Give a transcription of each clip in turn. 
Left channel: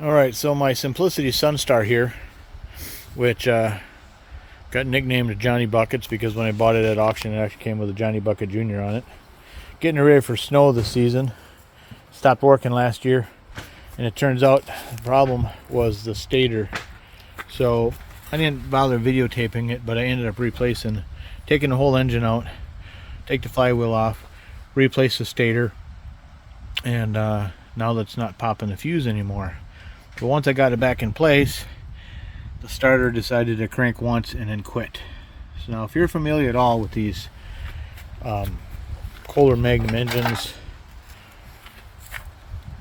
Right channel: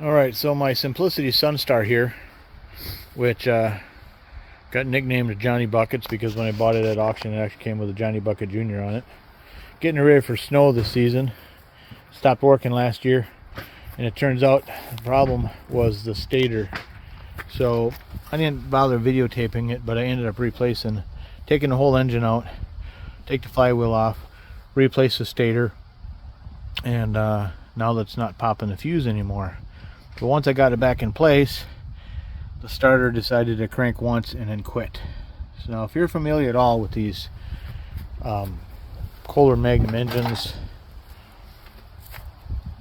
Alright, so my Simplicity Sunstar here, which got nicknamed Johnny Buckets because when I bought it at auction it actually came with a Johnny Bucket Jr. on it. Getting ready for snow this season. Stopped working last year, and it turns out the problem was the stator. So I didn't bother videotaping it, but I ended up taking the whole engine out, take the flywheel off, replace the stator, and now that's not popping the fuse anymore. But once I got it back in place, the starter decided to crank once and then quit. So now if you're familiar at all with these Kohler Magnum engines,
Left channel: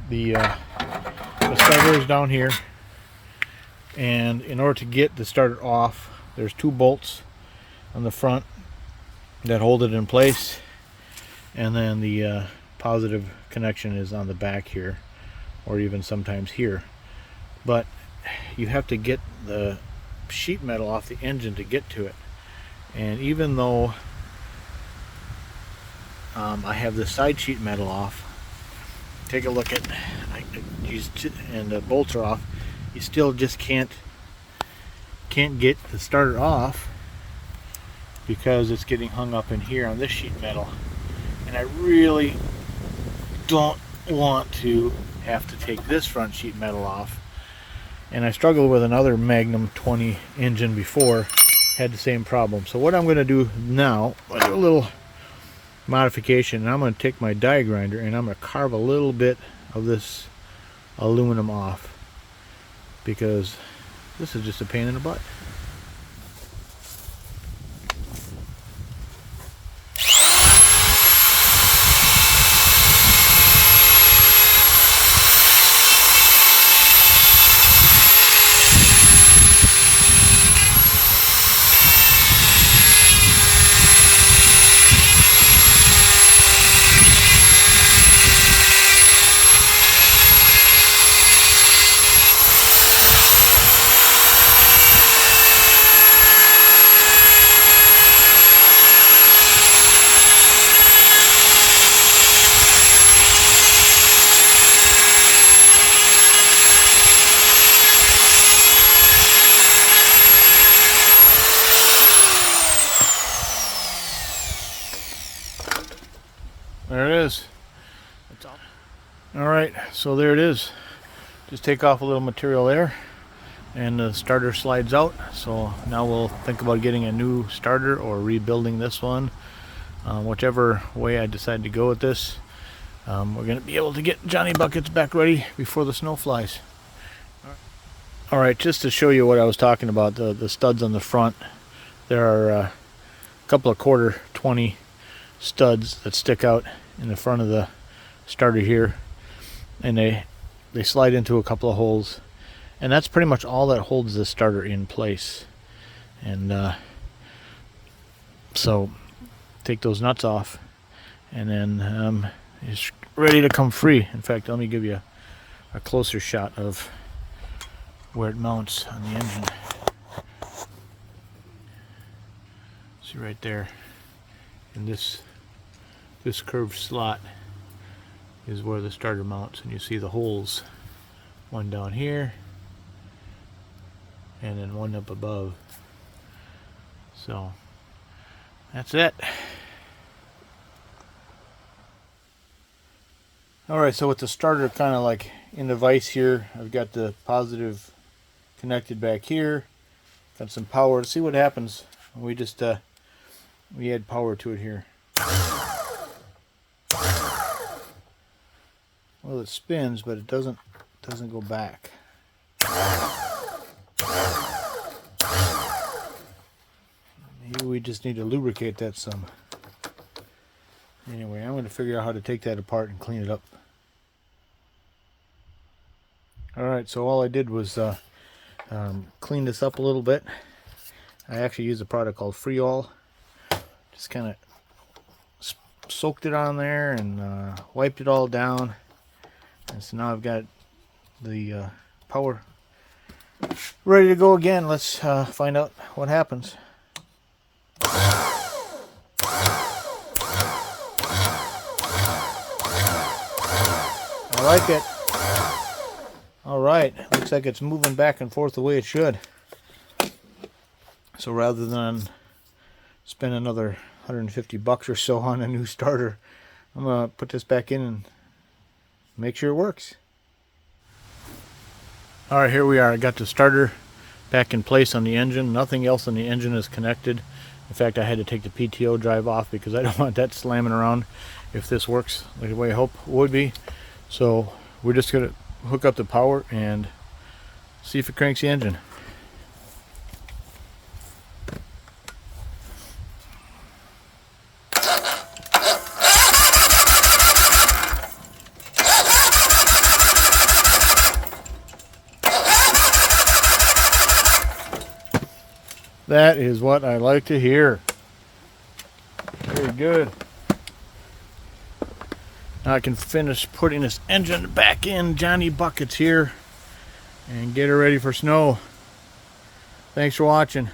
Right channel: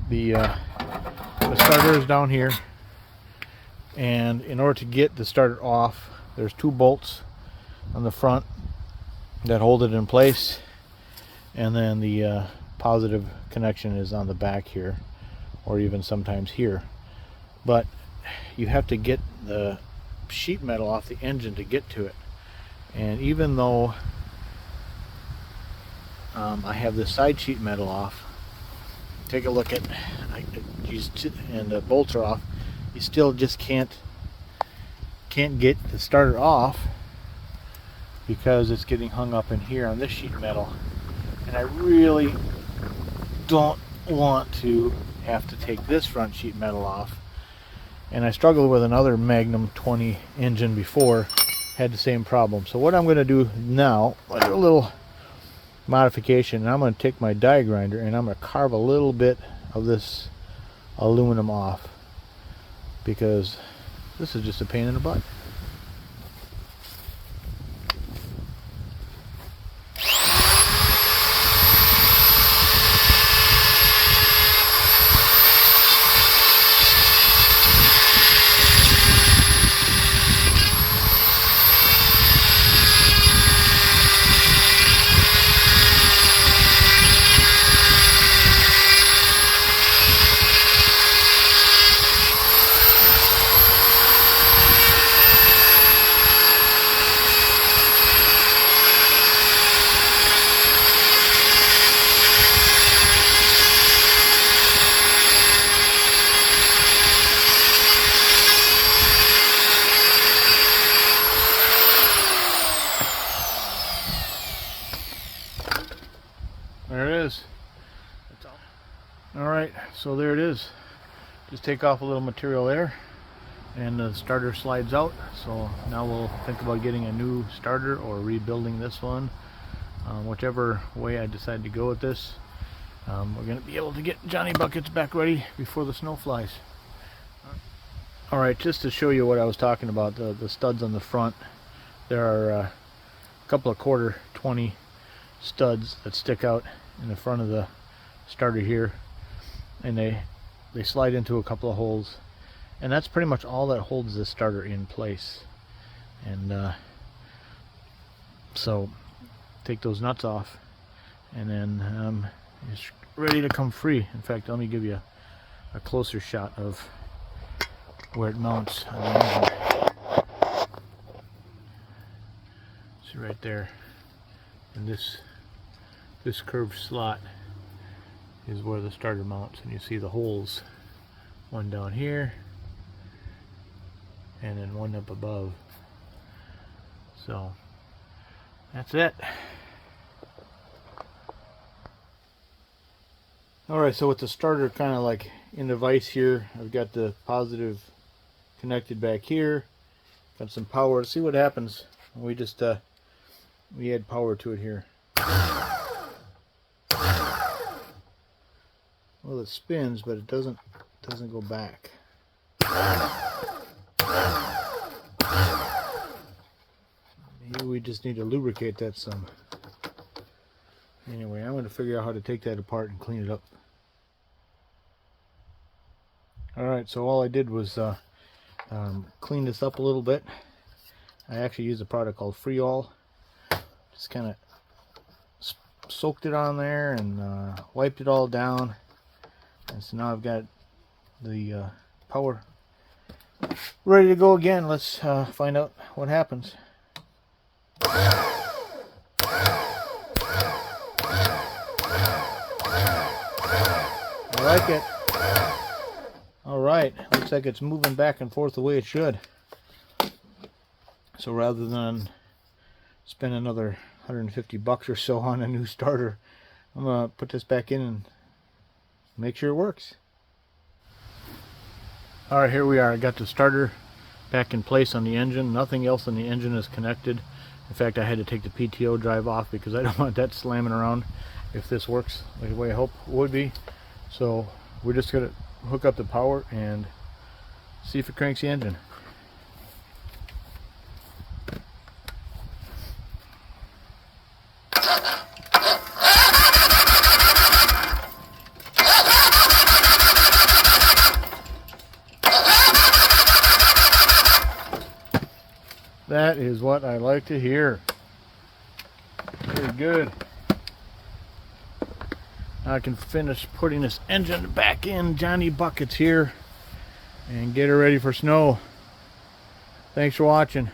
the starter is down here, and in order to get the starter off, there's two bolts on the front that hold it in place, and then the positive connection is on the back here, or even sometimes here. But you have to get the sheet metal off the engine to get to it. And even though I have the side sheet metal off, take a look at, and the bolts are off, you still just can't get the starter off because it's getting hung up in here on this sheet metal. And I really don't want to have to take this front sheet metal off. And I struggled with another Magnum 20 engine before, had the same problem. So what I'm going to do now, I'll do a little modification, and I'm going to take my die grinder and I'm going to carve a little bit of this aluminum off, because this is just a pain in the butt. There it is. Alright, so there it is. Just take off a little material there, and the starter slides out. So now we'll think about getting a new starter or rebuilding this one. Whichever way I decide to go with this, we're going to be able to get Johnny Buckets back ready before the snow flies. Alright, just to show you what I was talking about, the studs on the front, there are a couple of quarter 20 studs that stick out in the front of the starter here, and they slide into a couple of holes, and that's pretty much all that holds the starter in place. And so take those nuts off, and then it's ready to come free. In fact, let me give you a closer shot of where it mounts on the engine. See right there, and this curved slot is where the starter mounts, and you see the holes, one down here and then one up above. So that's it. Alright, so with the starter kind of like in the vise here, I've got the positive connected back here, got some power. See what happens when we just we add power to it here. Well, it spins, but it doesn't go back. Maybe we just need to lubricate that some. Anyway, I'm going to figure out how to take that apart and clean it up. Alright, so all I did was clean this up a little bit. I actually used a product called Freeall. Just kind of soaked it on there and wiped it all down. And so now I've got the power ready to go again. Let's find out what happens. I like it. Alright, looks like it's moving back and forth the way it should. So rather than spend another $150 or so on a new starter, I'm going to put this back in and make sure it works. Alright, here we are. I got the starter back in place on the engine. Nothing else on the engine is connected. In fact, I had to take the PTO drive off because I don't want that slamming around if this works the way I hope it would be. So we're just going to hook up the power and see if it cranks the engine. That is what I like to hear. Very good. Now I can finish putting this engine back in Johnny Buckets here and get her ready for snow. Thanks for watching.